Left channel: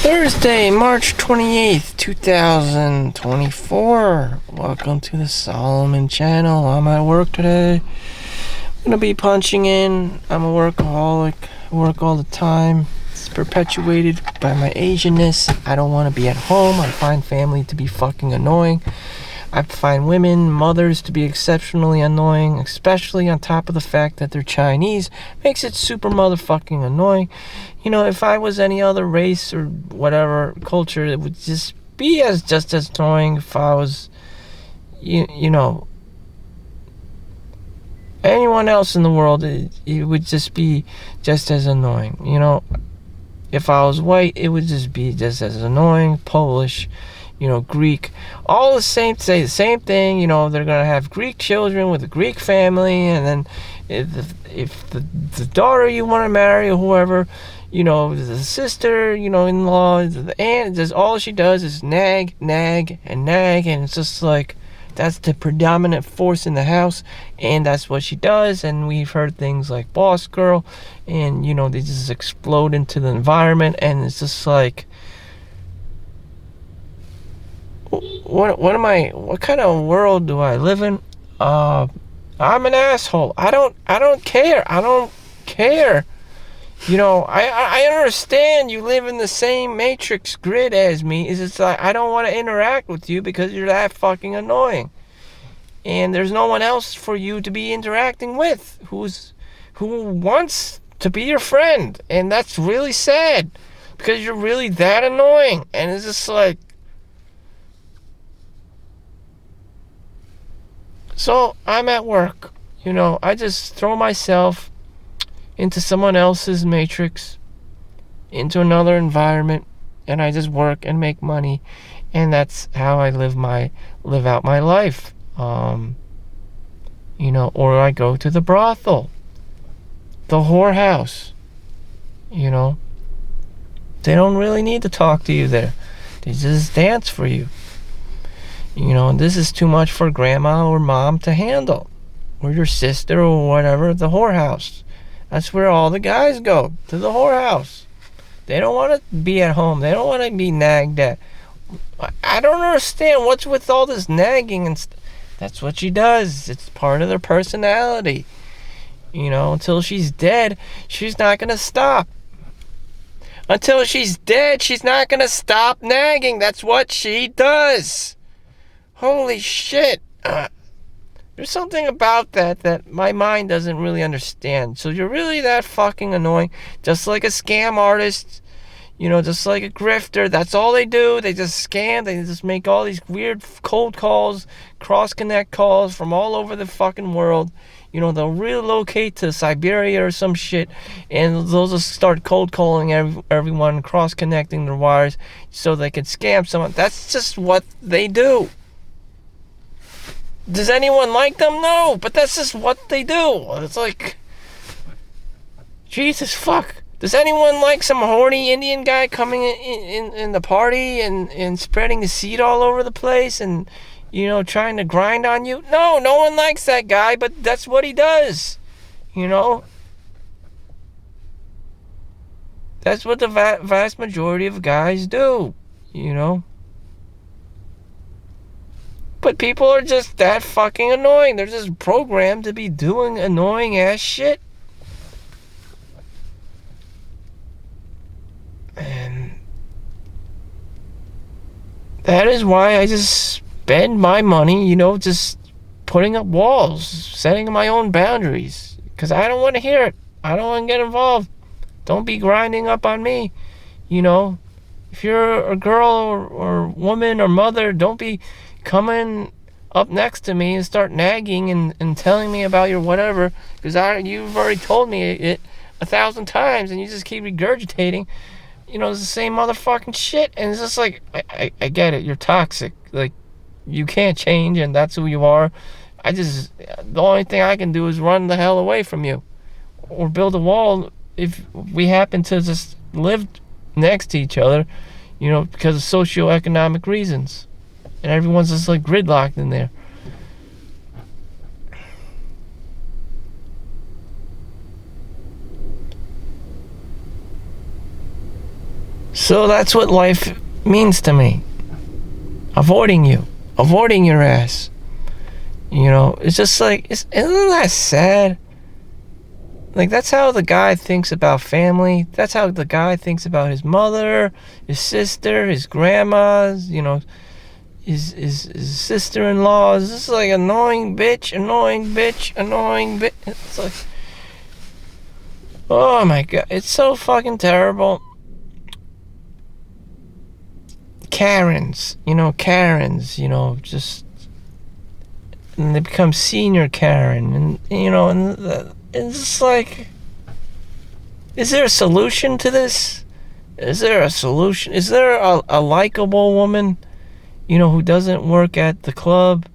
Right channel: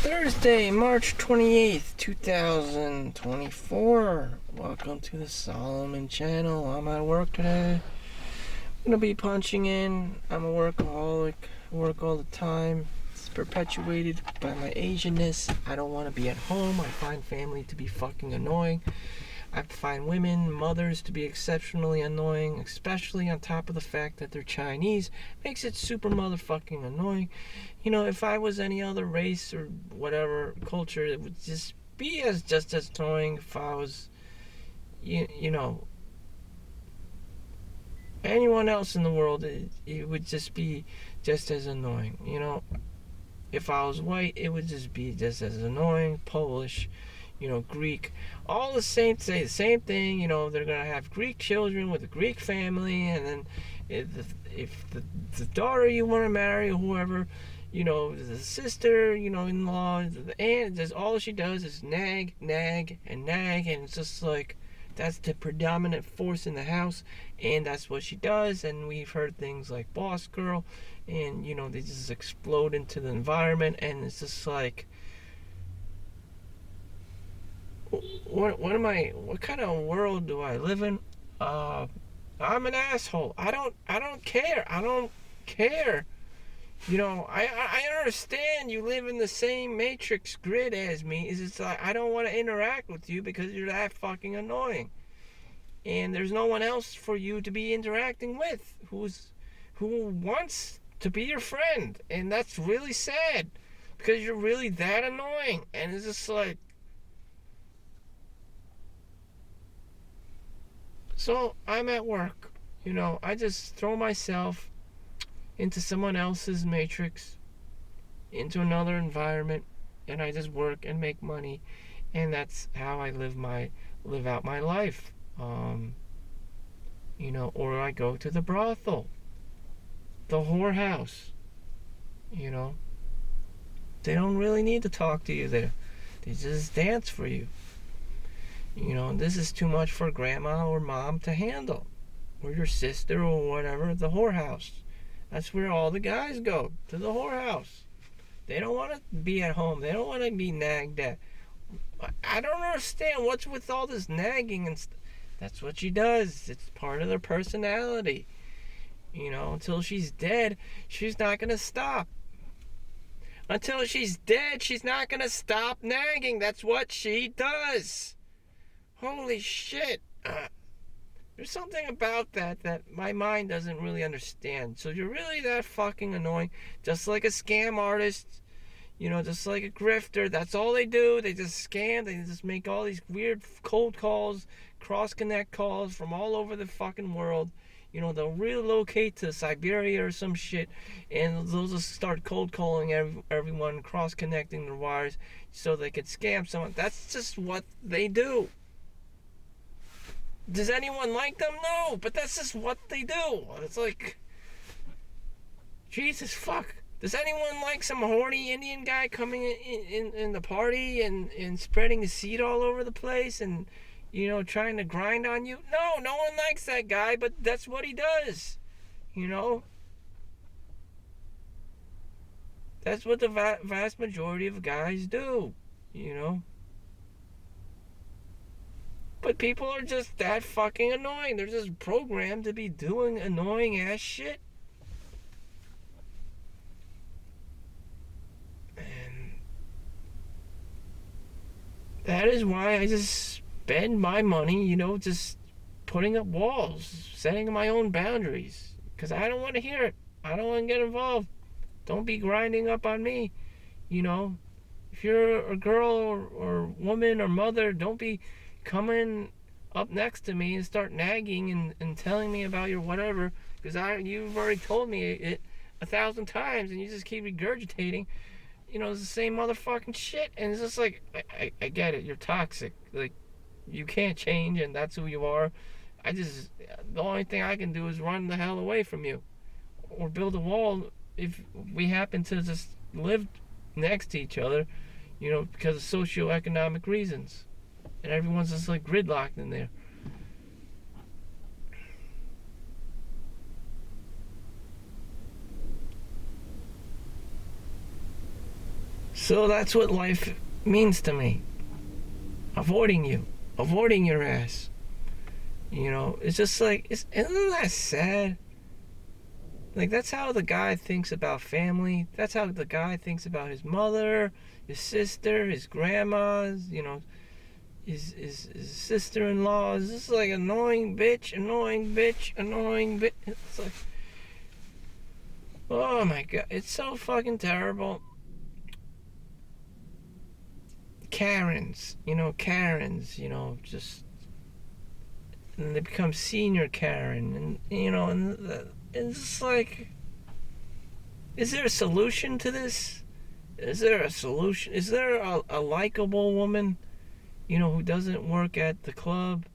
Thursday, March 28th, 2024. Welcome to the Solomon channel. I'm at work today. I'm gonna be punching in. I'm a workaholic. I work all the time. It's perpetuated by my Asianness. I don't want to be at home. I find family to be fucking annoying. I find women, mothers to be exceptionally annoying, especially on top of the fact that they're Chinese. Makes it super motherfucking annoying. You know, if I was any other race or whatever culture, it would just be just as annoying. If I was, you know, anyone else in the world, it would just be just as annoying. You know, if I was white, it would just be just as annoying. Polish, Greek, all the same, say the same thing. They're gonna have Greek children with a Greek family, and then if the daughter you want to marry or whoever, the sister, in-law, the aunt, just all she does is nag, nag, and nag, and it's just like that's the predominant force in the house, and that's what she does. And we've heard things like boss girl, and they just explode into the environment, and it's just like, what kind of world do I live in? I'm an asshole. I don't care. I don't care. I understand you live in the same matrix grid as me. Is it's like I don't want to interact with you because you're that fucking annoying. And there's no one else for you to be interacting with who wants to be your friend. And that's really sad because you're really that annoying. And it's just like, so I'm at work. I just throw myself into someone else's matrix, into another environment, and I just work and make money, and that's how I live out my life. Or I go to the brothel, the whorehouse. You know, they don't really need to talk to you there. They just dance for you. This is too much for grandma or mom to handle, or your sister or whatever. The whorehouse. That's where all the guys go, to the whorehouse. They don't want to be at home. They don't want to be nagged at. I don't understand what's with all this nagging and that's what she does. It's part of their personality. Until she's dead, she's not going to stop. Until she's dead, she's not going to stop nagging. That's what she does. Holy shit. There's something about that my mind doesn't really understand. So you're really that fucking annoying. Just like a scam artist, just like a grifter. That's all they do. They just scam. They just make all these weird cold calls, cross-connect calls from all over the fucking world. They'll relocate to Siberia or some shit, and they'll just start cold calling everyone, cross-connecting their wires so they can scam someone. That's just what they do. Does anyone like them? No, but that's just what they do. It's like, Jesus fuck. Does anyone like some horny Indian guy coming in the party and spreading the seed all over the place and, trying to grind on you? No one likes that guy, but that's what he does. That's what the vast majority of guys do, But people are just that fucking annoying. They're just programmed to be doing annoying ass shit. And that is why I just spend my money, just putting up walls, setting my own boundaries. Because I don't want to hear it. I don't want to get involved. Don't be grinding up on me. If you're a girl or woman or mother, don't be coming up next to me and start nagging and telling me about your whatever, because you've already told me it 1,000 times and you just keep regurgitating it's the same motherfucking shit. And it's just like, I get it, you're toxic, like you can't change and that's who you are. The only thing I can do is run the hell away from you or build a wall if we happen to just live next to each other, because of socioeconomic reasons. And everyone's just like gridlocked in there. So that's what life means to me. Avoiding you. Avoiding your ass. You know, it's just like, isn't that sad? Like, that's how the guy thinks about family. That's how the guy thinks about his mother, his sister, his grandmas, you know, his sister-in-law. It's just like annoying bitch, annoying bitch, annoying bitch. It's like, oh my God, it's so fucking terrible. Karens, just, and they become senior Karen, and it's just like, is there a solution to this? Is there a solution? Is there a likable woman, who doesn't work at the club?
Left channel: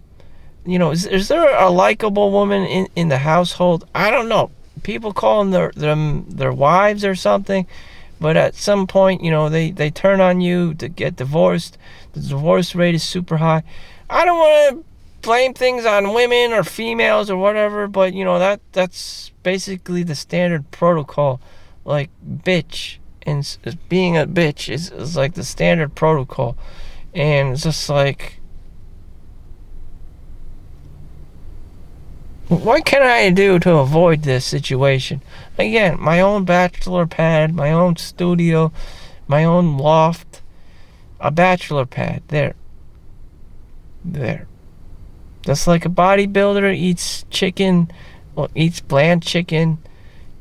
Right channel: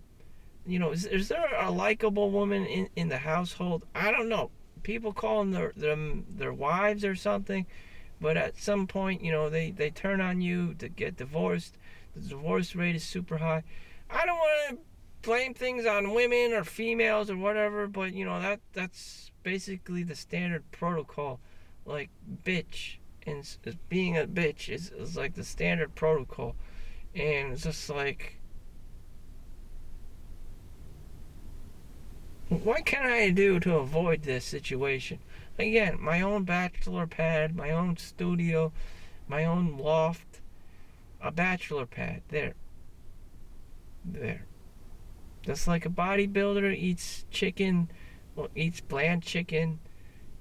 Is there a likable woman in the household? I don't know. People call them their wives or something, but at some point, they turn on you to get divorced. The divorce rate is super high. I don't want to blame things on women or females or whatever, but that's basically the standard protocol. Like, bitch and being a bitch is like the standard protocol, and it's just like, what can I do to avoid this situation? Again, my own bachelor pad, my own studio, my own loft, a bachelor pad, there. Just like a bodybuilder eats chicken, or eats bland chicken,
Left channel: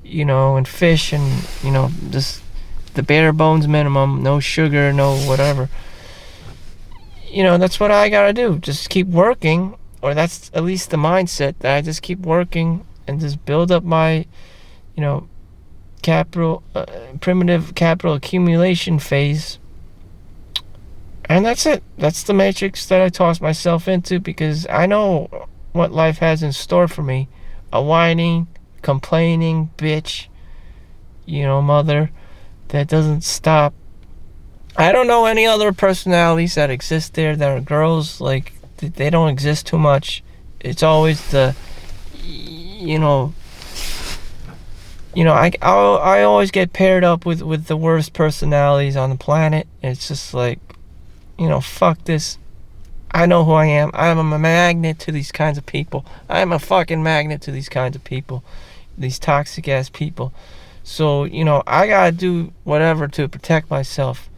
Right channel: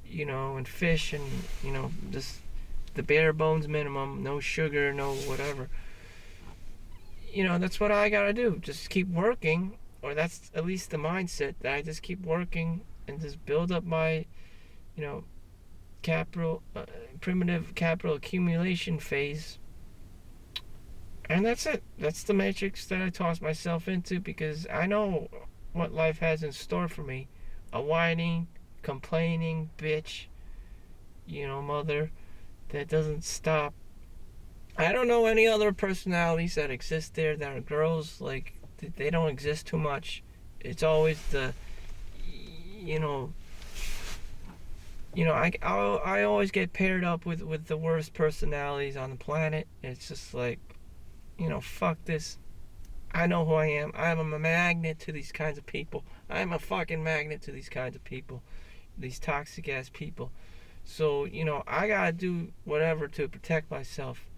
and fish, and, just the bare bones minimum, no sugar, no whatever. That's what I gotta do. Just keep working, or that's at least the mindset, that I just keep working and just build up my, primitive capital accumulation phase. And that's it. That's the matrix that I tossed myself into, because I know what life has in store for me. A whining, complaining bitch, mother that doesn't stop. I don't know any other personalities that exist there that are girls. Like, they don't exist too much. It's always the, I always get paired up with the worst personalities on the planet. It's just like, fuck this. I know who I am. I'm a magnet to these kinds of people. I'm a fucking magnet to these kinds of people. These toxic ass people. So, I gotta do whatever to protect myself.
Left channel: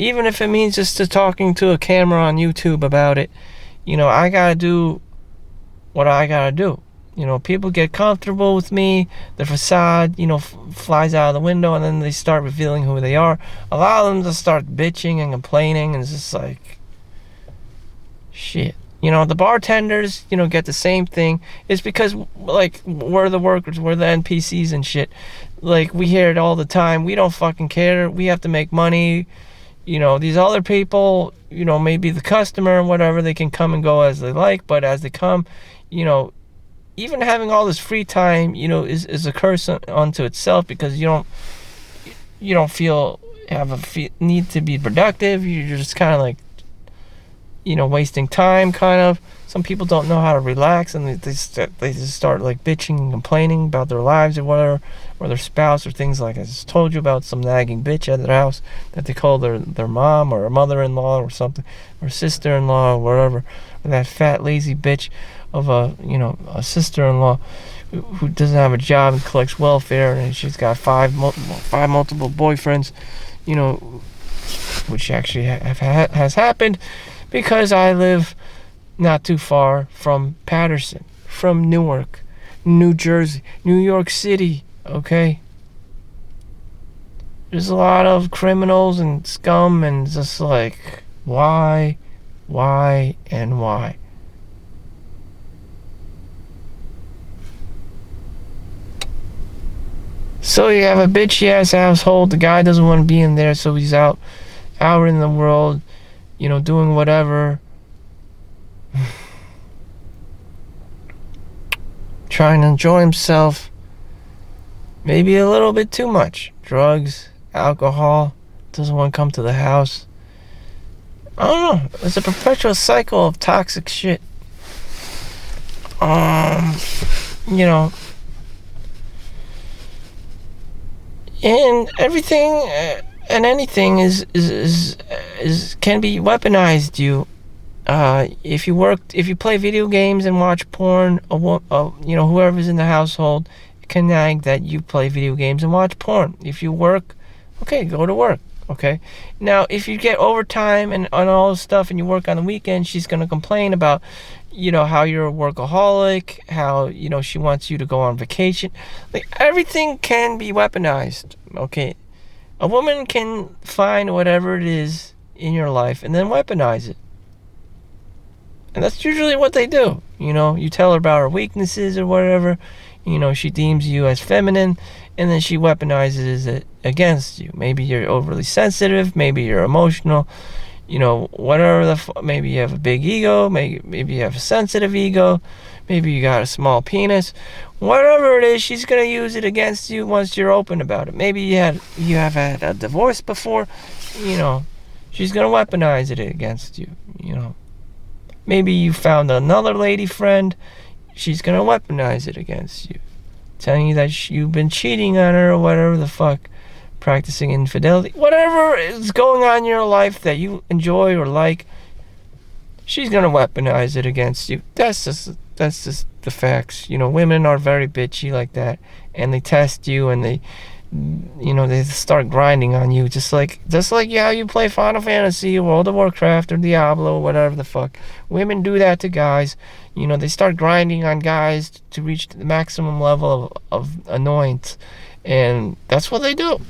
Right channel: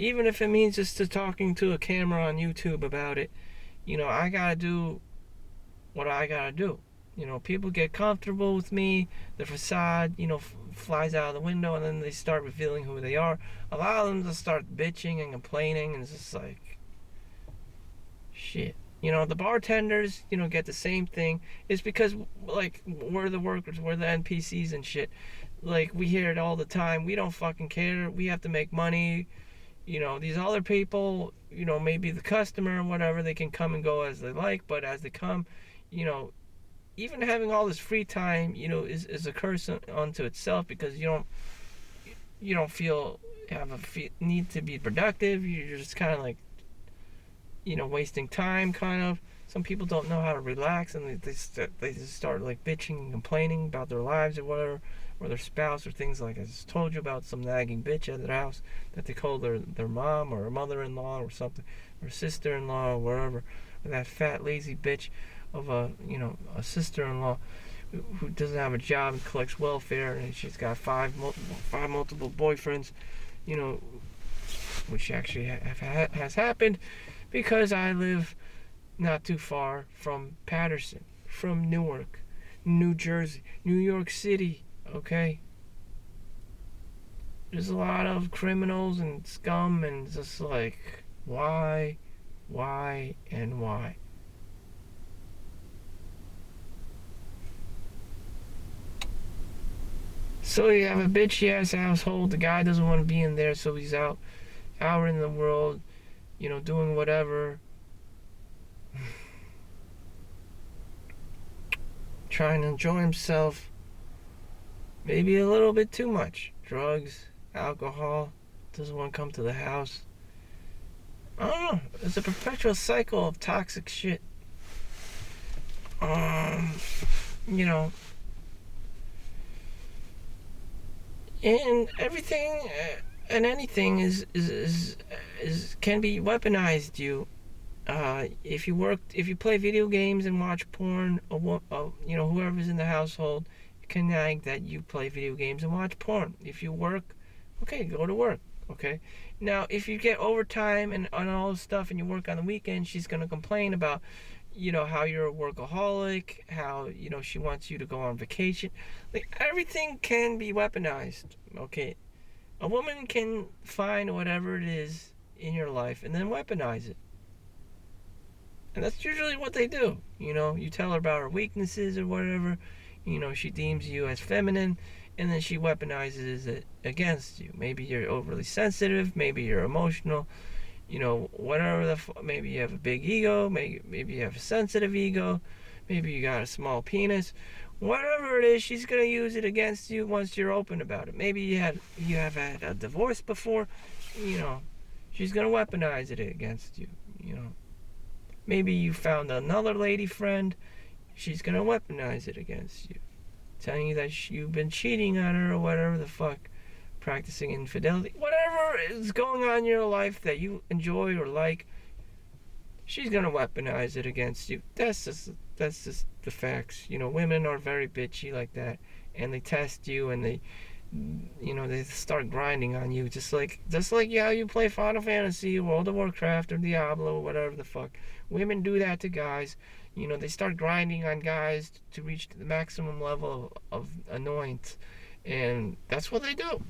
Even if it means just talking to a camera on YouTube about it. I gotta do what I gotta do. People get comfortable with me, their facade, flies out of the window, and then they start revealing who they are. Allow them to start bitching and complaining, and it's just like, shit. The bartenders, get the same thing. It's because, like, we're the workers, we're the NPCs and shit. Like, we hear it all the time. We don't fucking care. We have to make money. These other people, maybe the customer and whatever, they can come and go as they like, but as they come, even having all this free time, is a curse unto itself, because you don't need to be productive. You're just kind of like, wasting time, kind of. Some people don't know how to relax, and they just start like bitching and complaining about their lives or whatever, or their spouse, or things like I just told you about, some nagging bitch at their house that they call their mom, or a mother-in-law, or something, or sister-in-law, or whatever, or that fat lazy bitch of a sister-in-law who doesn't have a job and collects welfare, and she's got five multiple boyfriends, which actually has happened, because I live not too far from Patterson, from Newark, New Jersey, New York City, okay? There's a lot of criminals and scum, and just like, why, and why? So you have a bitchy ass household. The guy doesn't want to be in there, so he's out in the world, doing whatever, trying to enjoy himself. Maybe a little bit too much. Drugs, alcohol, doesn't want to come to the house. I don't know. It's a perpetual cycle of toxic shit. And everything and anything is can be weaponized. If you play video games and watch porn, whoever's in the household can nag that you play video games and watch porn. If you work, okay, go to work. Okay. Now, if you get overtime and all this stuff and you work on the weekend, she's gonna complain about, how you're a workaholic, how, she wants you to go on vacation. Like, everything can be weaponized. Okay. A woman can find whatever it is in your life and then weaponize it. And that's usually what they do. You tell her about her weaknesses or whatever. She deems you as feminine, and then she weaponizes it against you. Maybe you're overly sensitive. Maybe you're emotional. Whatever maybe you have a big ego. Maybe you have a sensitive ego. Maybe you got a small penis. Whatever it is, she's gonna use it against you once you're open about it. Maybe you have had a divorce before. She's gonna weaponize it against you. Maybe you found another lady friend. She's gonna weaponize it against you, telling you that you've been cheating on her or whatever the fuck, practicing infidelity, whatever is going on in your life that you enjoy or like. She's gonna weaponize it against you. That's just the facts. Women are very bitchy like that, and they test you and they start grinding on you, just like how you play Final Fantasy, World of Warcraft, or Diablo, or whatever the fuck. Women do that to guys. They start grinding on guys to reach the maximum level of annoyance, and that's what they do.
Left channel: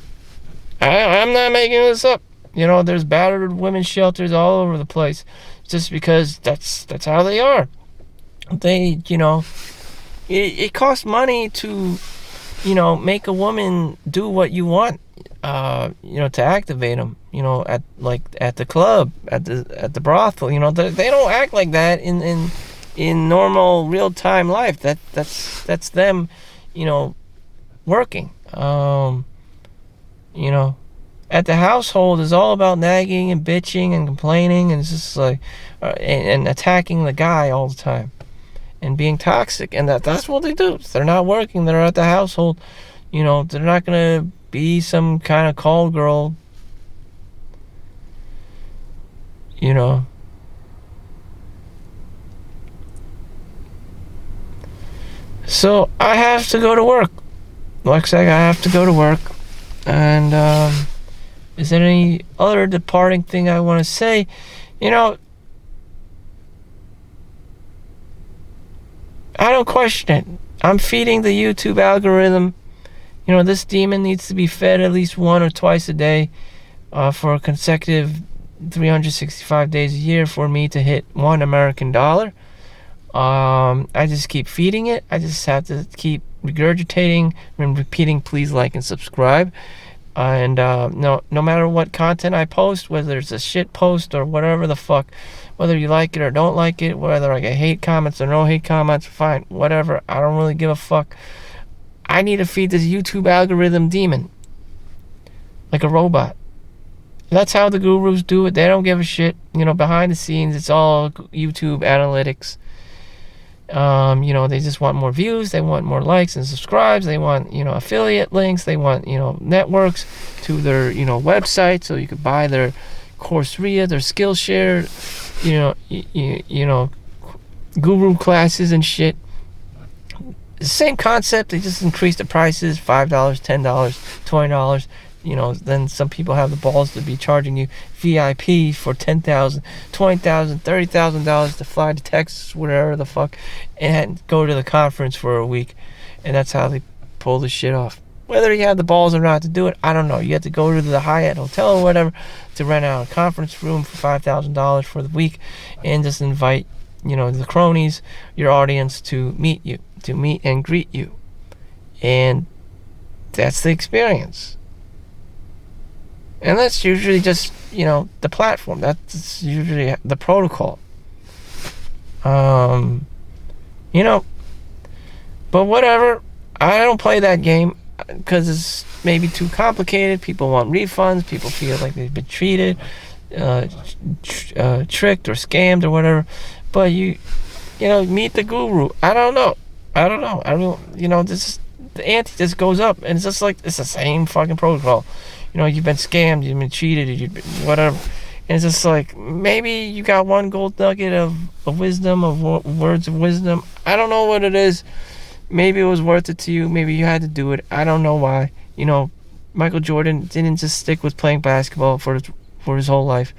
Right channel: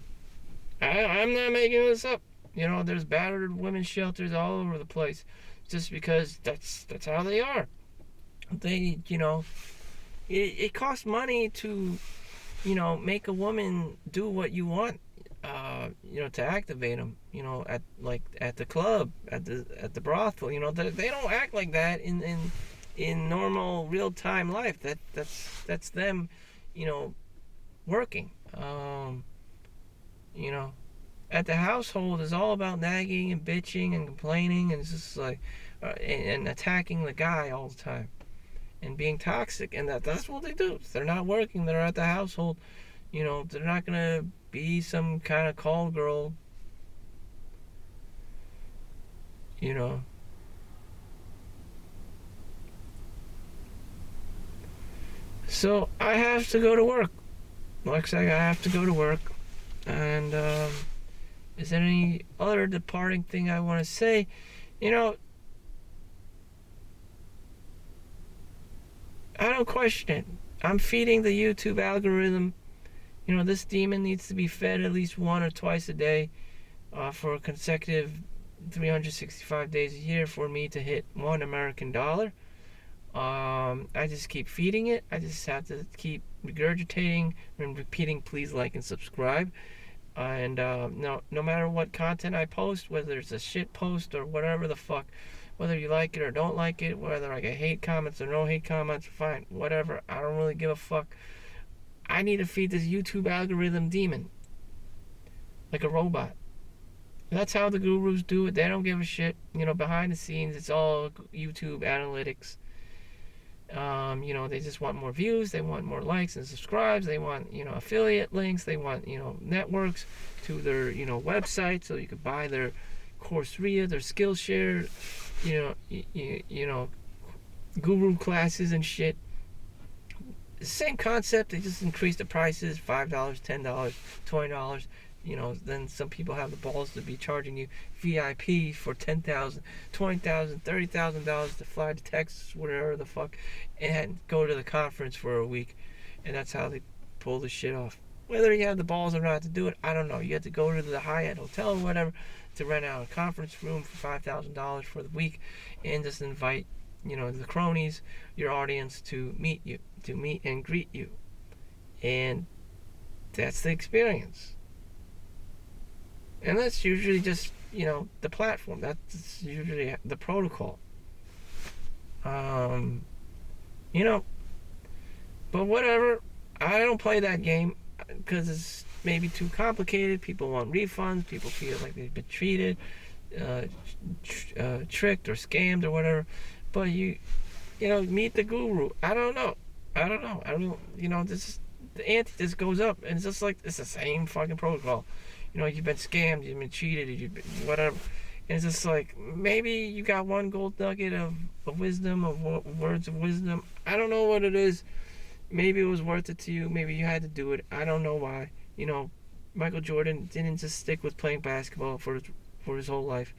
I'm not making this up. There's battered women's shelters all over the place, just because that's how they are. It costs money to make a woman do what you want, to activate them, at the club, at the brothel. They don't act like that in normal real time life. That's them, working. At the household is all about nagging and bitching and complaining, and it's just like, and attacking the guy all the time. And being toxic, and that's what they do. If they're not working, they're at the household. They're not gonna be some kind of call girl. So I have to go to work. Looks like I have to go to work. And is there any other departing thing I want to say? I don't question it. I'm feeding the YouTube algorithm. This demon needs to be fed at least 1 or twice a day for a consecutive 365 days a year for me to hit $1 American. I just keep feeding it. I just have to keep regurgitating and repeating, please like and subscribe. And no matter what content I post, whether it's a shit post or whatever the fuck, whether you like it or don't like it, whether I get hate comments or no hate comments, fine, whatever. I don't really give a fuck. I need to feed this YouTube algorithm demon like a robot. That's how the gurus do it. They don't give a shit. Behind the scenes, it's all YouTube analytics. They just want more views. They want more likes and subscribes. They want, affiliate links. They want, networks to their, website, so you could buy their Coursera, their Skillshare, guru classes and shit. The same concept. They just increase the prices, $5, $10, $20. Then some people have the balls to be charging you VIP for $10,000, $20,000, $30,000 to fly to Texas, whatever the fuck, and go to the conference for a week. And that's how they pull this shit off. Whether you have the balls or not to do it, I don't know. You have to go to the Hyatt Hotel or whatever to rent out a conference room for $5,000 for the week, and just invite, the cronies, your audience, to meet you, to meet and greet you. And that's the experience. And that's usually just, the platform. That's usually the protocol. But whatever. I don't play that game because it's maybe too complicated. People want refunds. People feel like they've been treated, tricked or scammed or whatever. But meet the guru. I don't know. the ante just goes up, and it's just like it's the same fucking protocol. You know, you've been scammed, you've been cheated, you've been whatever, and it's just like maybe you got one gold nugget of wisdom, of words of wisdom. I don't know what it is. Maybe it was worth it to you. Maybe you had to do it. I don't know why. You know, Michael Jordan didn't just stick with playing basketball for his whole life.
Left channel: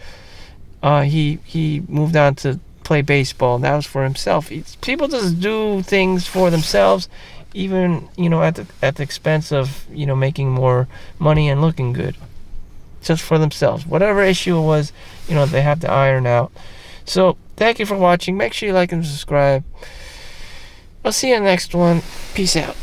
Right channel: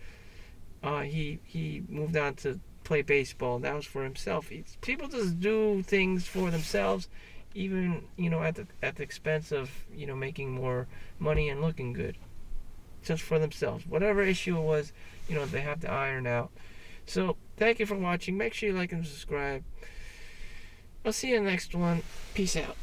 He moved on to play baseball. And that was for himself. People just do things for themselves, even at the expense of making more money and looking good, just for themselves. Whatever issue it was, they have to iron out. So thank you for watching. Make sure you like and subscribe. I'll see you in the next one. Peace out.